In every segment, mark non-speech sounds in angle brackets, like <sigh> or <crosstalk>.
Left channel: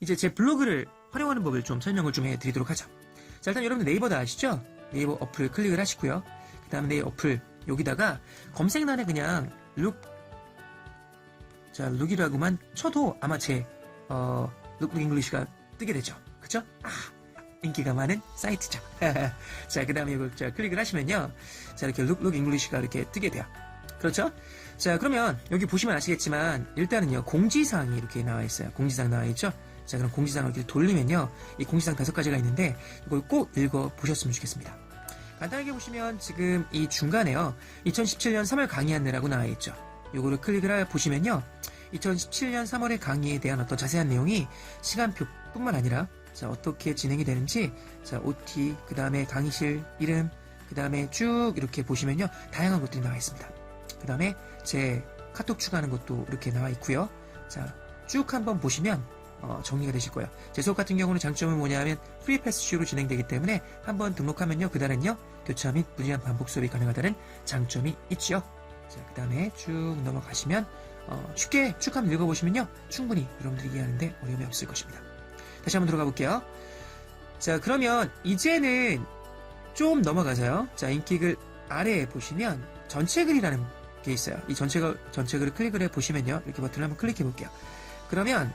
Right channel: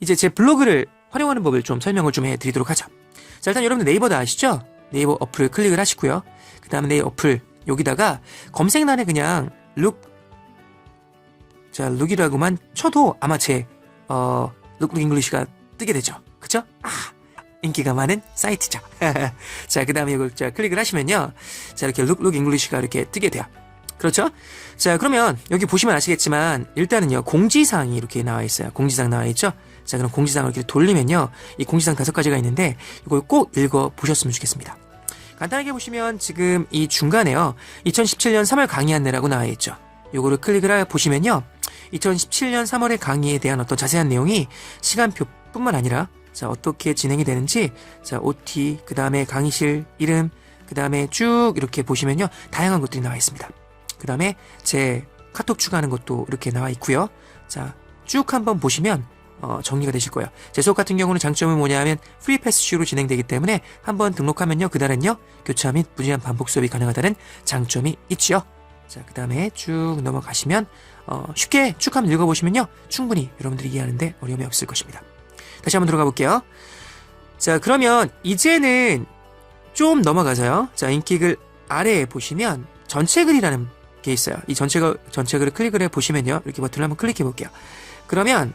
이제 제 블로그를 활용하는 법을 좀 설명을 좀 해드리도록 하죠. 자, 일단 여러분들 네이버도 아시죠? 네이버 어플을 클릭을 하시고요. 그 다음에 네이버 어플 여기다가 검색란에 그냥 룩, 자, 룩이라고만 쳐도 아마 제, 어, 룩룩 잉글리시가 뜨게 되죠. 그쵸? 아, 인기가 많은 사이트죠. <laughs> 자, 그 다음에 이걸 자, 클릭을 하시면요. 자, 이렇게 룩룩 잉글리시가 이렇게 뜨게 돼요. 그렇죠? 자, 그러면 여기 보시면 아시겠지만 일단은요. 공지사항이 이렇게 나와 있어요. 공지사항 나와 있죠? 자, 그럼 공지사항을 이렇게 돌리면요. 이 공지사항 다섯 가지가 있는데 이걸 꼭 읽어 보셨으면 좋겠습니다. 간단하게 보시면 지금 이 중간에요. 2017년 3월 강의 안내라고 나와 있죠. 요거를 클릭을 해 보시면요. 2017년 3월의 강의에 대한 어떤 자세한 내용이 시간표뿐만 아니라 자, 어떻게 진행이 되는지 자, OT, 그 다음에 강의실 이름, 그 다음에 쭉 이렇게 보시면요. 다양한 것들이 나와 있습니다. 그 다음에 제 카톡 추가하는 것도 이렇게 나와 있고요. 자, 쭉 한번 보시면 어, 정리가 되실 거예요. 제 수업 같은 경우는 장점은 뭐냐면 프리 패스식으로 진행되기 때문에 한번 등록하면요. 그날은요. 교차 및 무제한 반복 수업이 가능하다는 장점이 있지요. 자, 그 다음에 쭉 넘어가시면 어, 쉽게 쭉 한번 읽어보시면요. 충분히 여러분들이 이해하는데 어려움이 없을 것입니다. 다시 한번 들어가 볼게요. 자, 그러면 이제는 좀 넘어가서요. 자, 인기글 아래에 보시면 전체 글이라는 게 있어요. 이 전체 글, 전체 글을 클릭을 해 보시면요. 이렇게 버튼을 한번 클릭해 볼게요. 그러면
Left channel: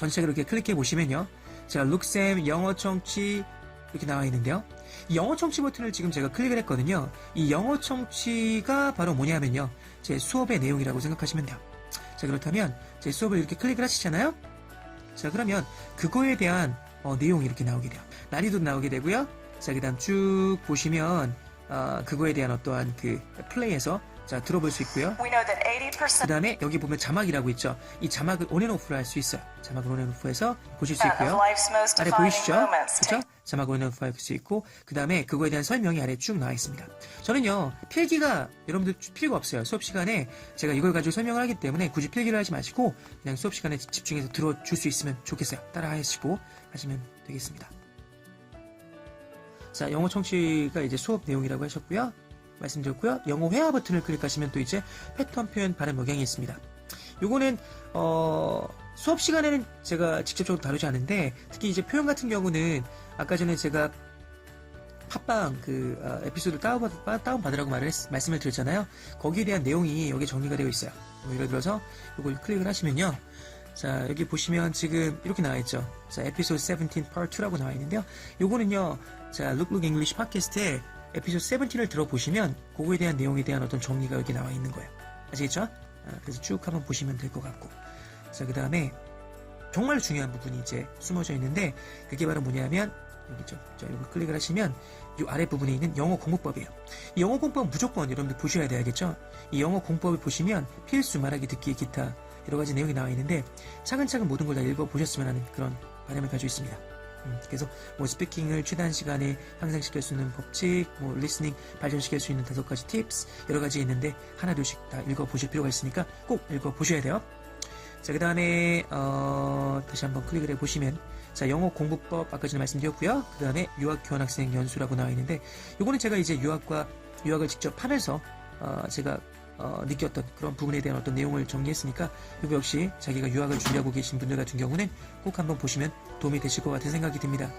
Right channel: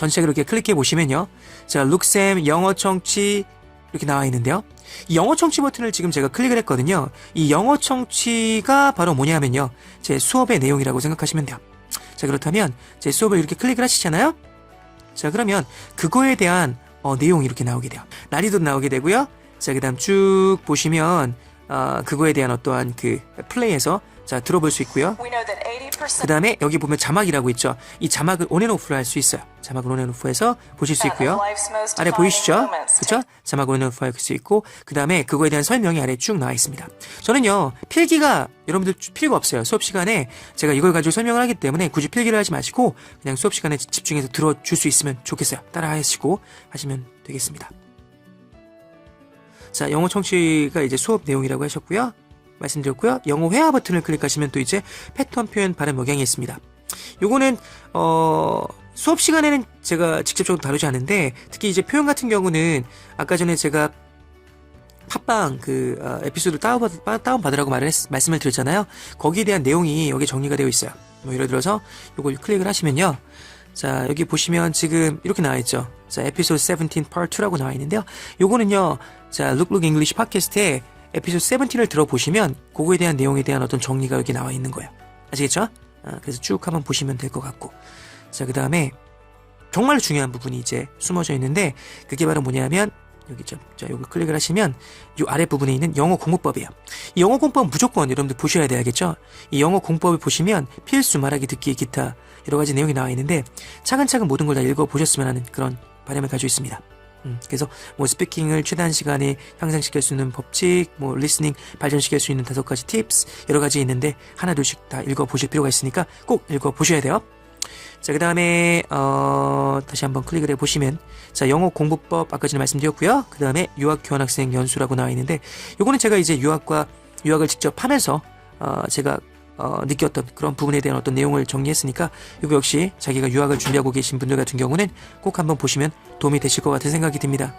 전체 이렇게 클릭해 보시면요. 자, 룩쌤 영어 청취 이렇게 나와 있는데요. 이 영어 청취 버튼을 지금 제가 클릭을 했거든요. 이 영어 청취가 바로 뭐냐면요. 제 수업의 내용이라고 생각하시면 돼요. 자, 그렇다면 제 수업을 이렇게 클릭을 하시잖아요. 자, 그러면 그거에 대한 어, 내용이 이렇게 나오게 돼요. 난이도 나오게 되고요. 자, 그 다음 쭉 보시면 어, 그거에 대한 어떠한 그 플레이에서 자 들어볼 수 있고요. We know that 80%그 다음에 여기 보면 자막이라고 있죠. 이 자막을 온앤오프를 할수 있어요. 자막을 온앤오프해서 보실 수 있고요. 아래 보이시죠? 그렇죠? 자막을 온앤오프 할 수 있고 그 다음에 그거에 대한 설명이 아래 쭉 나와 있습니다. 저는요 필기가 여러분들 필요가 없어요. 수업 시간에 제가 이걸 가지고 설명을 하기 때문에 굳이 필기를 하지 마시고 그냥 수업 시간에 집중해서 들어줄 수 있으면 좋겠어요. 따라 하시고 하시면 되겠습니다. 자, 영어 청취가 이제 수업 내용이라고 하셨고요. 말씀드렸고요. 영어 회화 버튼을 클릭하시면 또 이제 패턴 표현 발음 억양이 있습니다. 요거는 어 수업 시간에는 제가 직접적으로 다루지 않는데 특히 이제 표현 같은 경우는 아까 전에 제가 팟빵 그 어, 에피소드 다운받, 다운 받으라고 말을 했- 말씀을 드렸잖아요. 거기에 대한 내용이 여기 정리가 되어 있어요. 뭐 예를 들어서 요걸 클릭을 하시면요. 자 여기 보시면 지금 이렇게 나와 있죠. 자 에피소드 17 part 2라고 나와 있는데요. 요거는요. 자 룩룩 잉글리시 팟캐스트에 에피소드 17을 들어보시면 그거에 대한 내용에 대한 어떤 정리가 여기 나와 있는 거예요. 아시겠죠? 아, 그래서 쭉 한번 보시면 될 것 같고. 자, 그 다음에 정말 중요한 부분이 이제 숨어져 있는데 그게 바로 뭐냐면 여기 죠 자, 요거 클릭을 하시면 이 아래 부분에 있는 영어 공부법이에요. 이 영어 공부법 무조건 여러분들 보셔야 돼야겠죠? 이 영어 공부법을 보시면 필수 말하기 듣기 기타 여러 가지 내용이 나와 있는데 차근차근 모든 걸 다 읽어 보셨으면 하는 그런 바람을 가지고 있습니다. 음, 그래서 뭐 스피킹을 최단 시간에 향상시킬 수 있는 법칙, 뭐 리스닝 발전시킬 수 있는 다섯 가지 팁스 여러 가지 있는데 하나 둘씩 다 읽어 보실 필요가 있으니까 꼭 읽어 보셔야 돼요. 자, 그 다음에, 어, 다시 한번 클릭을 해 보시면, 자, 영어 공부법 아까 전에 말씀드렸고요. 그 다음에 유학 교환 학생 연수라고 나와 있는데, 요거는 제가 이제 유학과 유학을 직접 하면서, 어, 제가, 어, 느꼈던 그런 부분에 대한 어떤 내용을 정리했으니까, 이거 역시 자기가 유학을 준비하고 계신 분들 같은 경우는 꼭 한번 보시면 도움이 되실 것 같은 생각이 듭니다.